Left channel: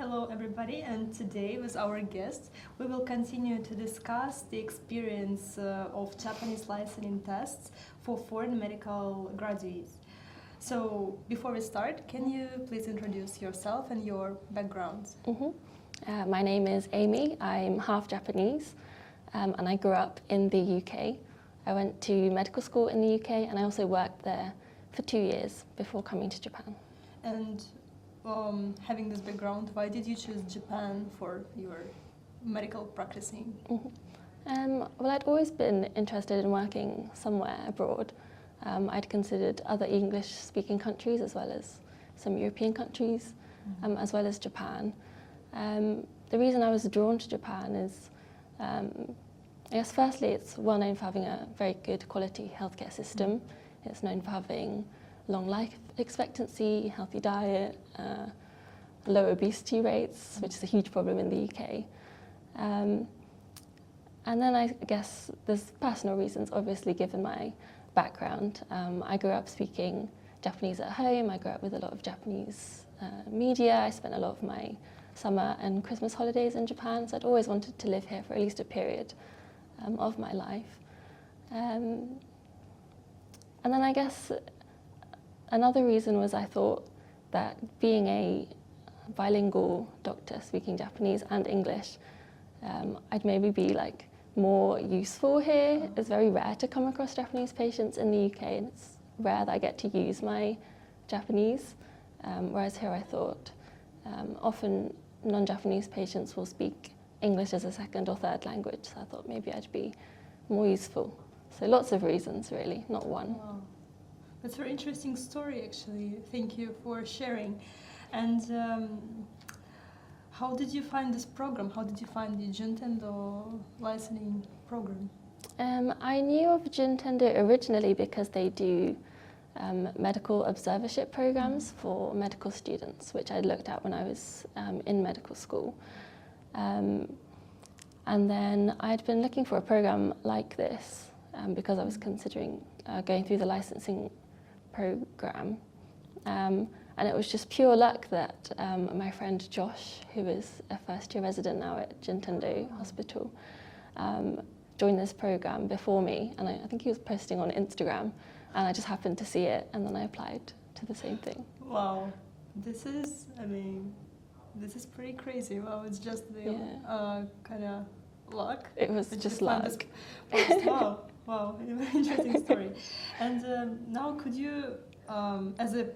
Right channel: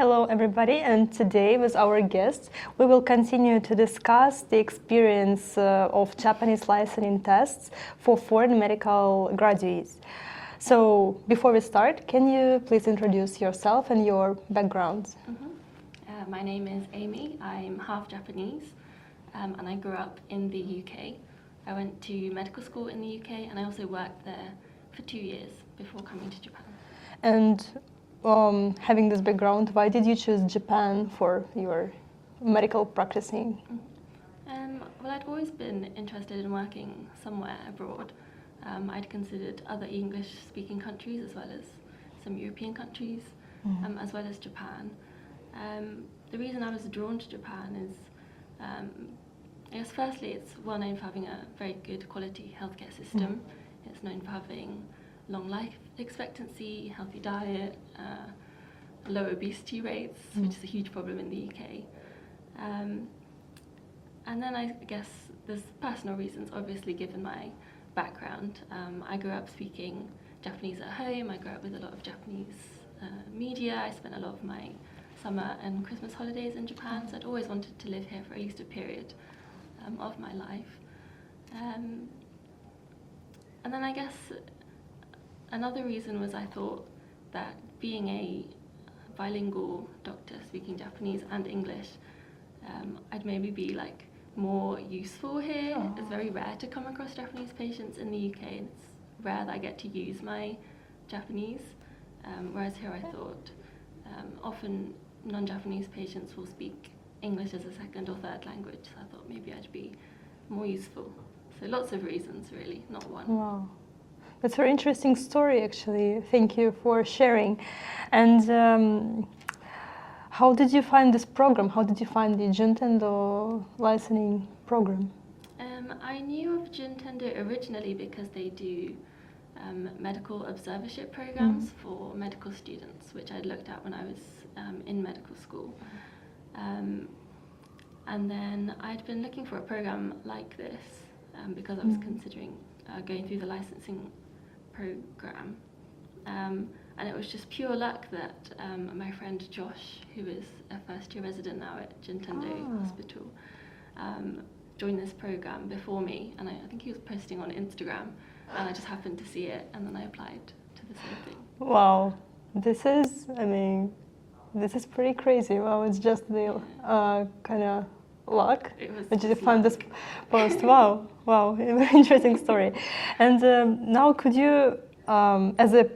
Hello everybody, and today with our guests we will continue to discuss the experience of Japanese licensing tests for foreign medical graduates. So before we start, can you please introduce yourself and your background? My name is Amy. I'm half Japanese and I grew up in the UK. I went to medical school in the UK and I also worked there for 2 years before coming to Japan. And having this background, why did you choose Japan for your medical practicing? Well, I'd always been interested in working somewhere abroad. I'd considered other English-speaking countries as well as some European countries, as well as Japan. The reason I was drawn to Japan is, I guess firstly, it's well known for having a very good quality healthcare system. It's known for having long life expectancy, healthy diet, low obesity rates, which is a huge problem in the UK. And then I guess there's personal reasons, obviously, given my background. I grew up speaking Japanese at home. I grew up with a lot of Japanese media. I spent a lot of my summer and Christmas holidays in Japan, so I'd always wanted to live here for at least a period of my life. And then I guess another reason was I thought that being a bilingual doctor speaking Japanese and English, I'd maybe be like more useful here. It's very rare to come across Japanese patients in the UK, and it's rare that I get to use my Japanese. Whereas here I thought often non-Japanese patients will speak English as a second or third language, so I thought maybe I'd be more useful. So lots of reasons really, not one. Wow. That's a very interesting story, actually. Thank you for sharing. And how did you find this program? How did you find the Juntendo licensing program? I knew of Juntendo originally because they do medical observership programs for medical students, which I'd looked at when I was in medical school. And then I'd been looking for a program like this because I was considering going through the licensing program, and it was just pure luck that my friend Josh, who is a first-year resident now at Juntendo Hospital, joined this program before me, and I think he was posting on Instagram, and I just happened to see it, and then I applied to the same thing. Wow, this is pretty crazy. Wow, it's just the kind of luck. It was that you just found luck. this post. Wow, a very interesting story. And now, could you, as a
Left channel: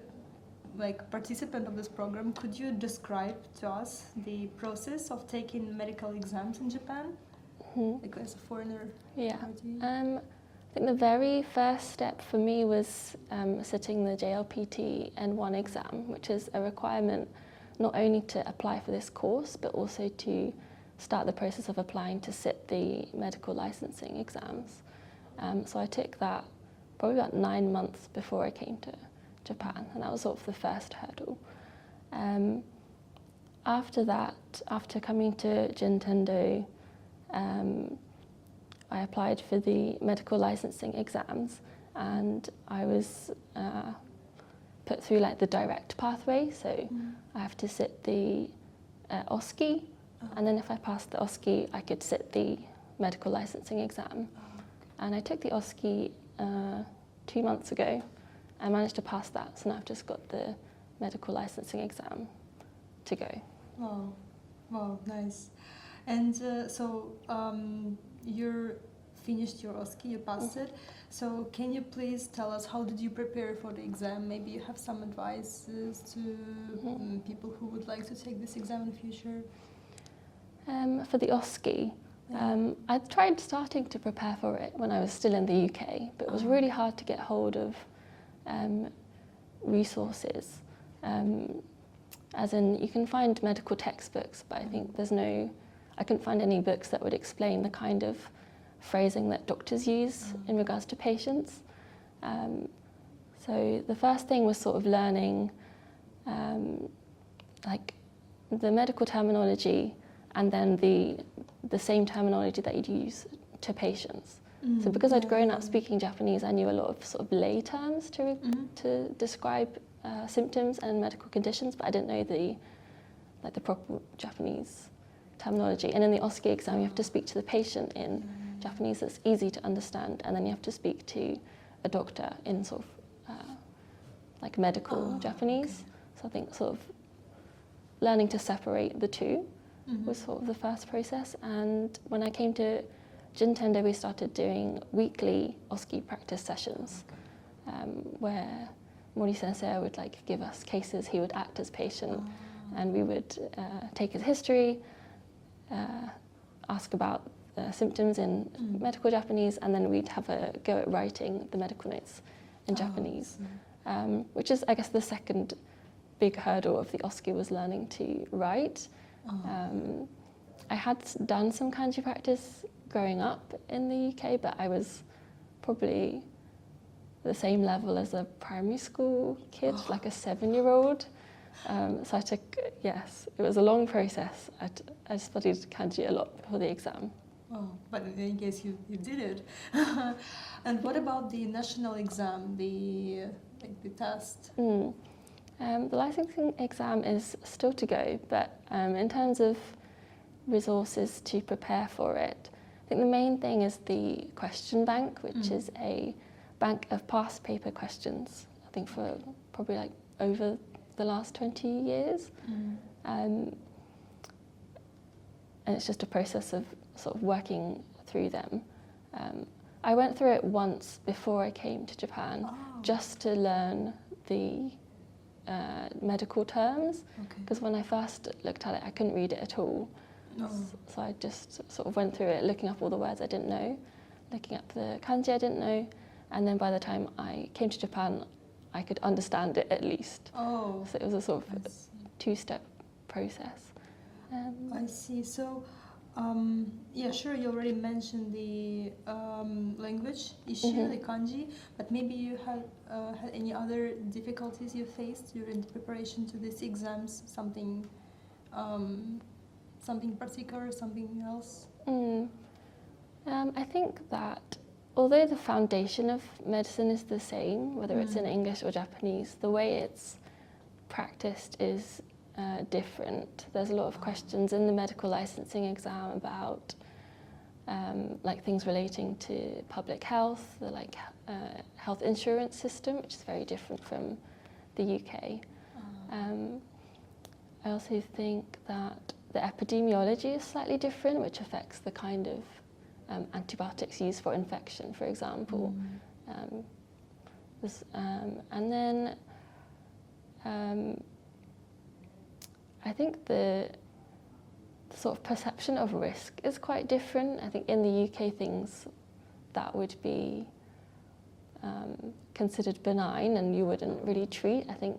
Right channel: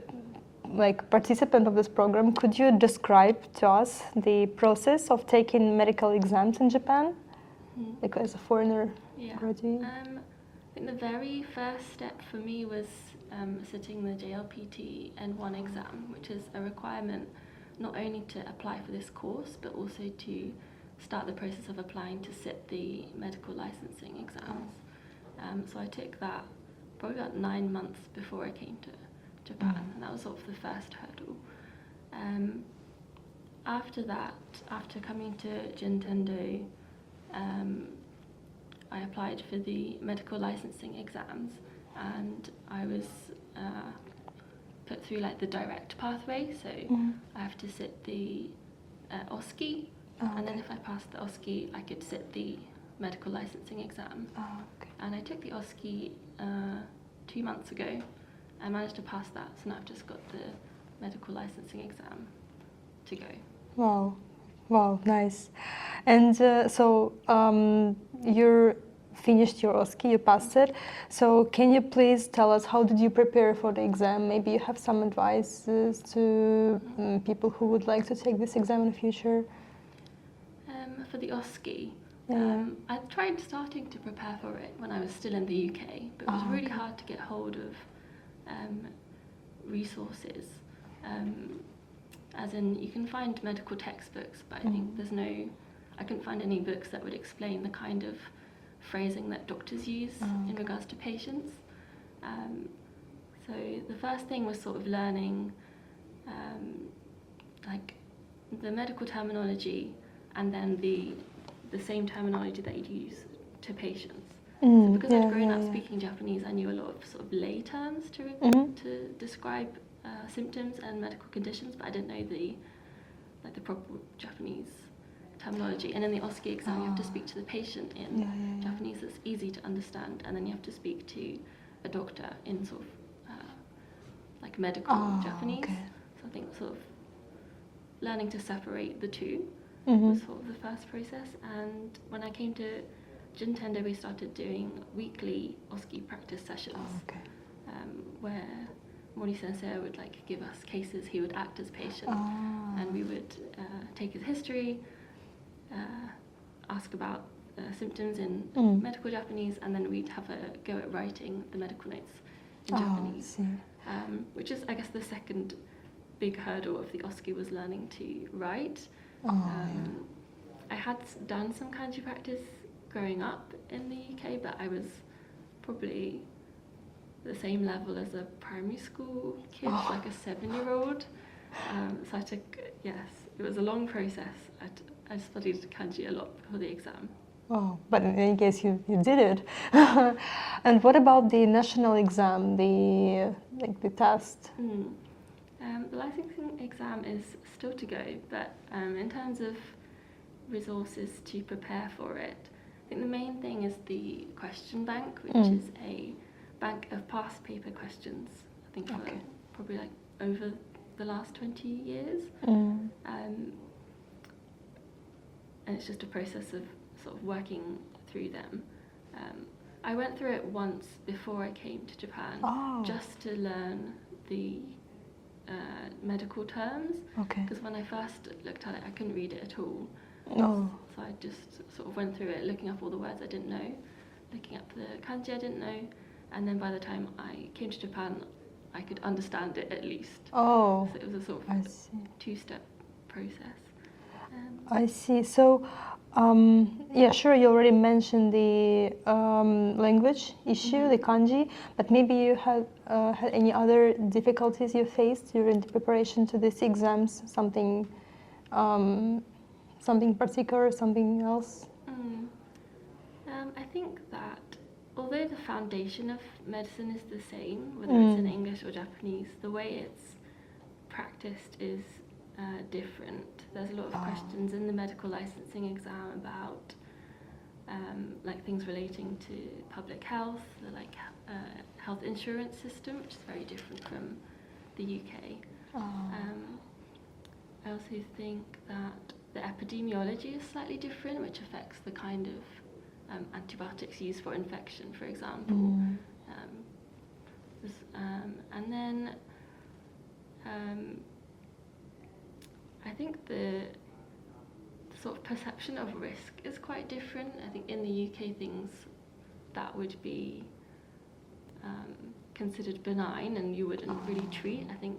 participant of this program, could you describe to us the process of taking medical exams in Japan, like as a foreigner graduate? I think the very first step for me was sitting the JLPT N1 exam, which is a requirement not only to apply for this course, but also to start the process of applying to sit the medical licensing exams. So I took that probably about 9 months before I came to Japan, and that was sort of the first hurdle. After that, after coming to Juntendo, I applied for the medical licensing exams, and I was put through like the direct pathway, so I have to sit the OSCE, and then if I passed the OSCE, I could sit the medical licensing exam. And I took the OSCE 2 months ago. I managed to pass that, so now I've just got the medical licensing exam to go. Wow, nice. And so you finished your OSCE, you passed it. So can you please tell us how did you prepare for the exam? Maybe you have some advices to people who would like to take this exam in the future? For the OSCE, I tried starting to prepare for it when I was still in the UK, but it was really hard to get hold of resources. As in, you can find medical textbooks, but I think I couldn't find any books that would explain the kind of phrasing that doctors use in regards to patients. So the first thing was sort of learning like the medical terminology and then the same terminology that you'd use to patients. So because I'd grown up speaking Japanese, I knew a lot of sort of lay terms to describe symptoms and medical conditions, but I didn't know the like the proper Japanese terminology. And in the OSCE exam, you have to speak to the patient in Japanese that's easy to understand, and then you have to speak to a doctor in sort of like medical Japanese. Okay. So I think sort of learning to separate the two was sort of the first process. And when I came to Juntendo, we started doing weekly OSCE practice sessions, where Mori Sensei would like give us cases. He would act as patient, and we would take his history, ask about symptoms in medical Japanese, and then we'd have a go at writing the medical notes in Japanese, which is, I guess, the second big hurdle of the OSCE was learning to write. I had done some kanji practice growing up in the UK, but I was probably the same level as a primary school kid, like a 7-year-old. So I took, it was a long process. I studied kanji a lot before the exam. Oh, but in any case, you did it. And what about the national exam, the test? The licensing exam is still to go, but in terms of resources to prepare for it, I think the main thing is the question bank, which is a bank of past paper questions, I think for probably like over the last 20 years. And it's just a process of sort of working through them. I went through it once before I came to Japan, just to learn the medical terms, because when I first looked at it, I couldn't read it at all. So I just sort of went through it, looking up all the words I didn't know, looking up the kanji I didn't know, and then by the time I came to Japan, I could understand it at least. So it was a sort of two-step process. I see. So, sure, you already mentioned the language issue, the kanji, but maybe you had any other difficulties you faced during the preparation to these exams, something particular, something else? I think that although the foundation of medicine is the same, whether it's in English or Japanese, the way it's practiced is different. There's a lot of questions in the medical licensing exam about like things relating to public health, the health insurance system, which is very different from the UK. I also think that the epidemiology is slightly different, which affects the kind of antibiotics used for infection, for example. And then I think the sort of perception of risk is quite different. I think in the UK, things that would be considered benign and you wouldn't really treat, I think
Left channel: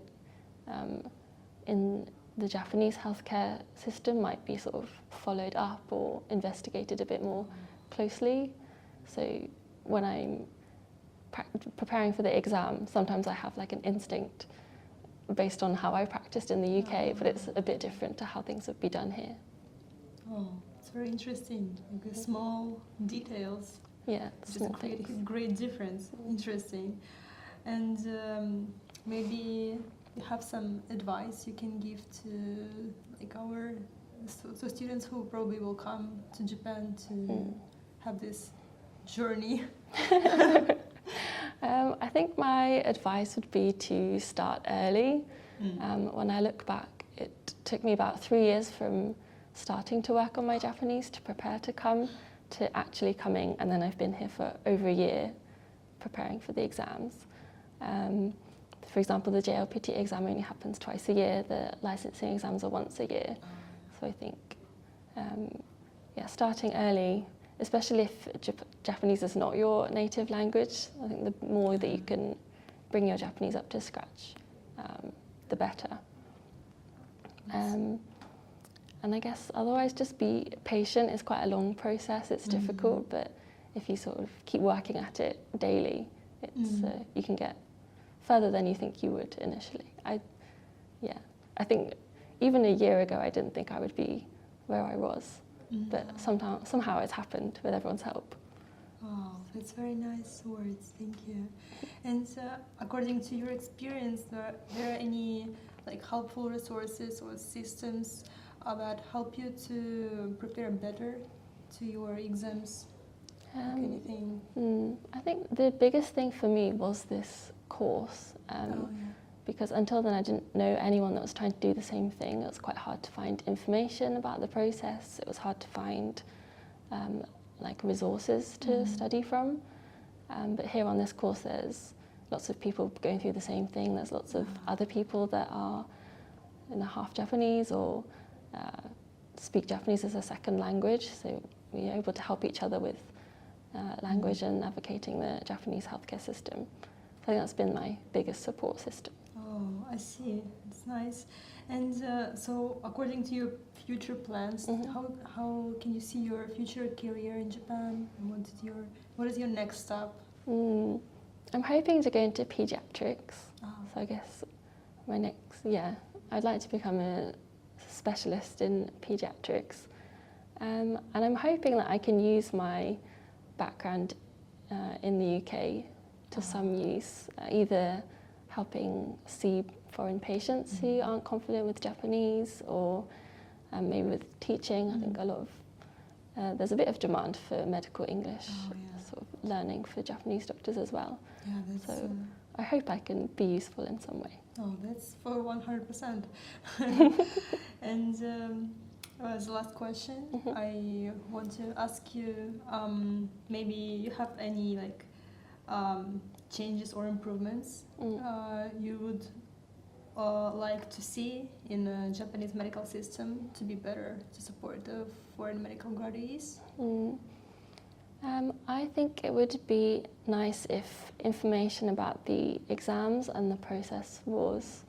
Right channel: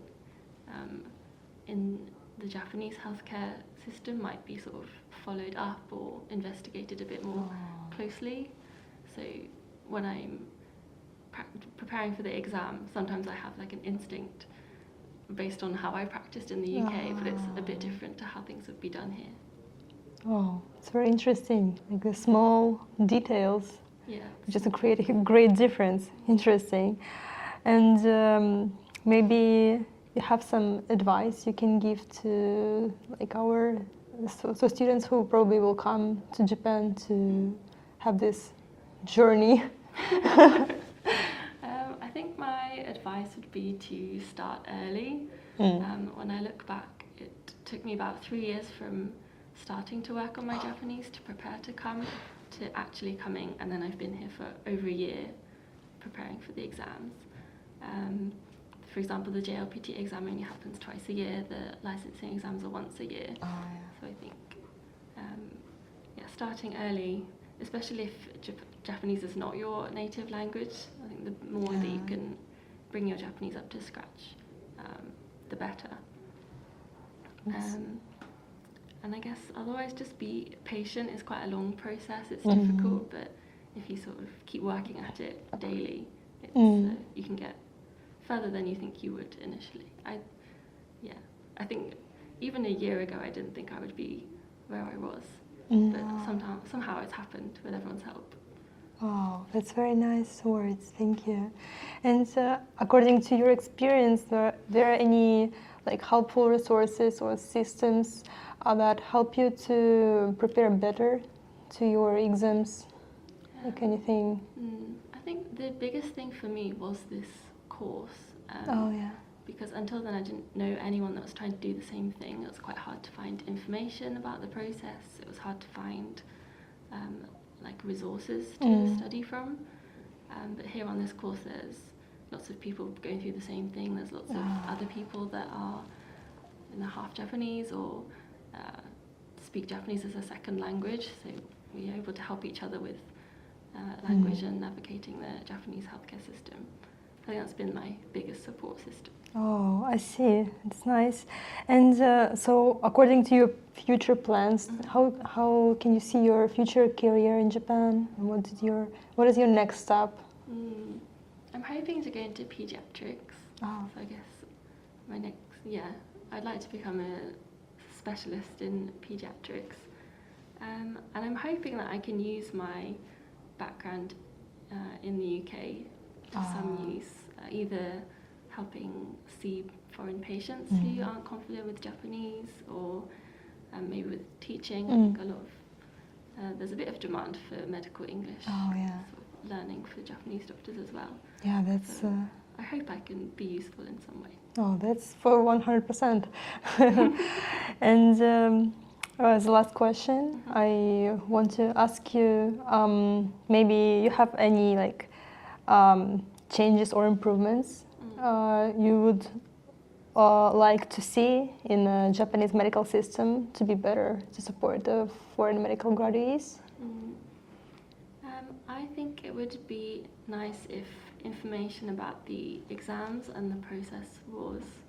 in the Japanese healthcare system might be sort of followed up or investigated a bit more closely. So when I'm preparing for the exam, sometimes I have like an instinct based on how I practiced in the UK, but it's a bit different to how things would be done here. Oh, it's very interesting, like the small details. Yeah. Just create a great difference. Interesting. And maybe you have some advice you can give to like our students who probably will come to Japan to have this journey. I think my advice would be to start early. When I look back, it took me about 3 years from starting to work on my Japanese to prepare to come to actually coming, and then I've been here for over a year preparing for the exams. For example, the JLPT exam only happens twice a year, the licensing exams are once a year. So I think, starting early, especially if Japanese is not your native language, I think the more that you can bring your Japanese up to scratch, the better. And I guess otherwise just be patient. It's quite a long process, it's difficult, but if you sort of keep working at it daily, it's, you can get further than you think you would initially. I think even a year ago I didn't think I would be where I was, but somehow it's happened with everyone's help. Oh, that's very nice words, thank you. And according to your experience, there are any like helpful resources or systems that help you to prepare better to your exams? Like anything? I think the biggest thing for me was this course. Oh yeah. Because until then I didn't know anyone that was trying to do the same thing. It was quite hard to find information about the process. It was hard to find like resources to study from. But here on this course there's lots of people going through the same thing. There's lots of other people that are half Japanese or speak Japanese as a second language. So we are able to help each other with language and navigating the Japanese healthcare system. I think that's been my biggest support system. Oh, I see. It's nice. And so, according to your future plans, how can you see your future career in Japan? What is your next step? I'm hoping to go into pediatrics. Oh. So I guess my next, I'd like to become a specialist in pediatrics. And I'm hoping that I can use my background in the UK to some use, either helping see foreign patients who aren't confident with Japanese, or maybe with teaching. I think a lot of there's a bit of demand for medical English, sort of learning for Japanese doctors as well. Yeah, that's. So I hope I can be useful in some way. Oh, that's for 100%. And as the last question, I want to ask you, maybe you have any like changes or improvements you would like to see in the Japanese medical system to be better to support the foreign medical graduates? I think it would be nice if information about the exams and the process was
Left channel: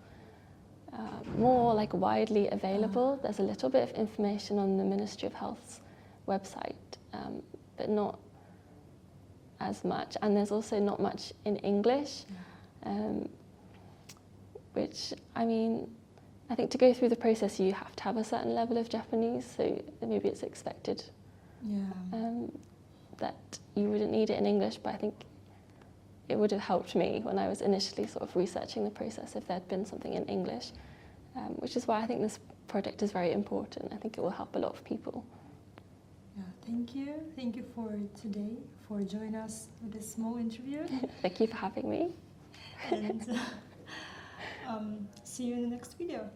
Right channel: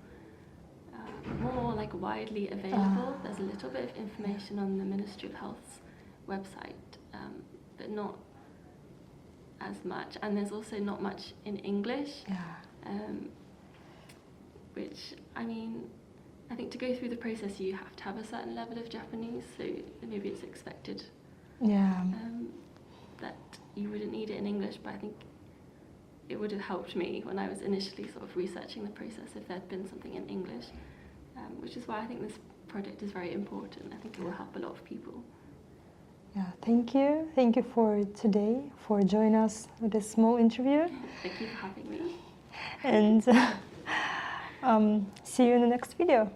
more like widely available. There's a little bit of information on the Ministry of Health's website, but not as much. And there's also not much in English, which, I mean, I think to go through the process you have to have a certain level of Japanese, so maybe it's expected that you wouldn't need it in English, but I think it would have helped me when I was initially sort of researching the process if there'd been something in English, which is why I think this project is very important. I think it will help a lot of people. Yeah, thank you. Thank you for today, for joining us with this small interview. Thank you for having me. And see you in the next video.